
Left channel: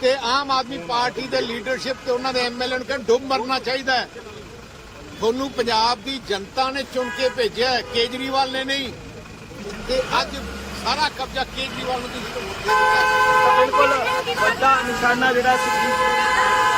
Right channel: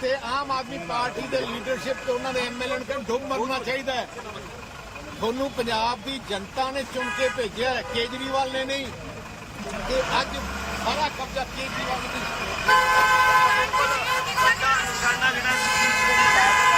ਤੇ ਆਮ ਆਦਮੀ ਪਾਰਟੀ ਦੇ ਲੀਡਰਸ਼ਿਪ ਤੇ ਉਹਨਾਂ ਦੇ ਐਮਐਲਏ ਨੂੰ ਕਹਿੰਦੇ ਡੁੱਬ ਮਰਨਾ ਚਾਹੀਦਾ ਹੈ। ਤੁਹਾਨੂੰ ਪੰਜਾਬ ਦੀ ਜਨਤਾ ਨੇ ਚੁਣ ਕੇ ਭੇਜਿਆ ਕੇਜਰੀਵਾਲ ਨੇ ਨਹੀਂ। ਤੇ ਅੱਜ ਸਾਰਾ ਕਬਜ਼ਾ ਕੇਜਰੀਵਾਲ ਨੇ ਦਿੱਤਾ ਬਿਲਕੁਲ, ਵੱਡਾ ਨਿਸ਼ਾਨਾ ਜਿਹੜਾ ਸੁਖਬੀਰ